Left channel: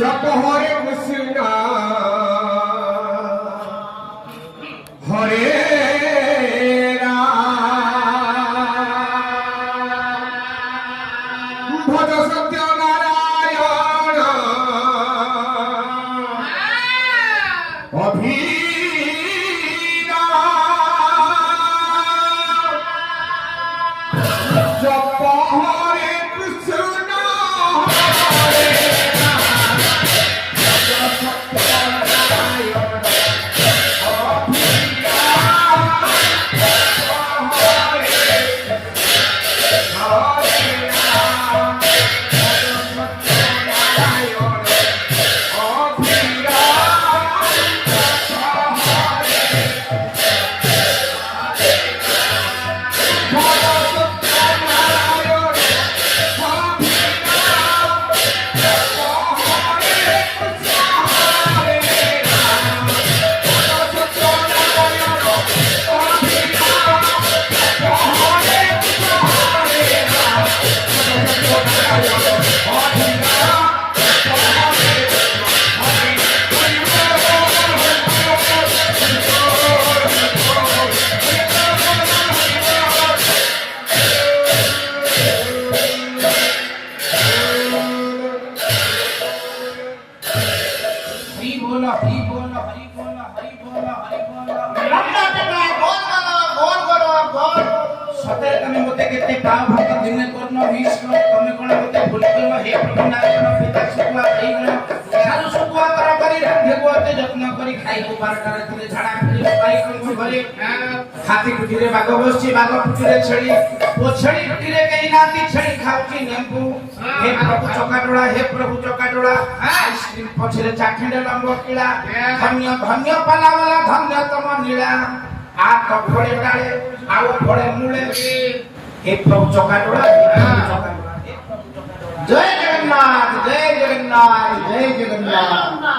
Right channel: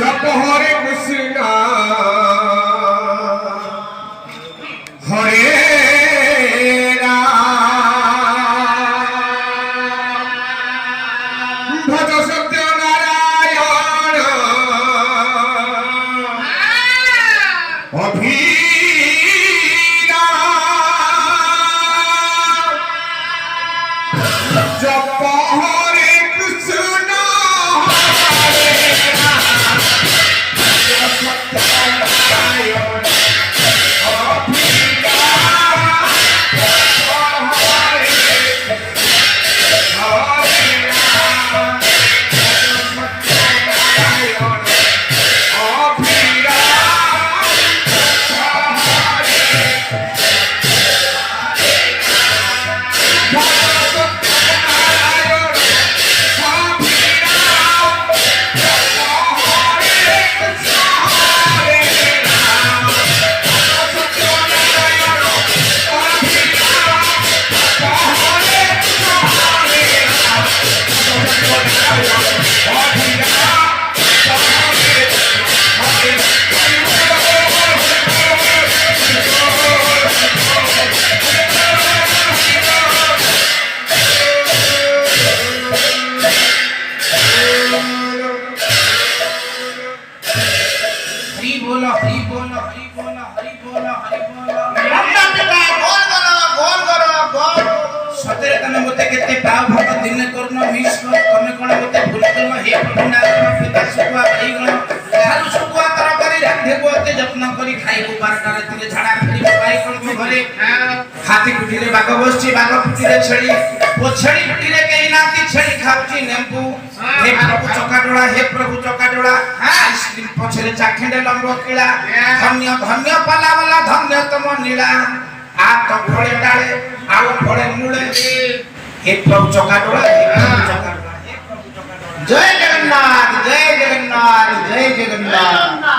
जप हरे कृष्ण हरे राम भज सत्य नारायण अभीरा जप हरे कृष्ण हरे राम भज हाथी कुटी रे बाग बसची बाग कुटी रे छेली ओ छेली कुटी रे कहीं नाती छेली खाउची नेंबू हे प्रभु चकाडोळा आइसक्रीम पछरे चाखेंडे लंबो किला धन्य धन्य पाला वाला धन्य तम नीला आ तो फळे डाळे आउ फळे मूळे हे प्रभु चकाडोळा जय जगन्नाथ जय जगन्नाथ जय जगन्नाथ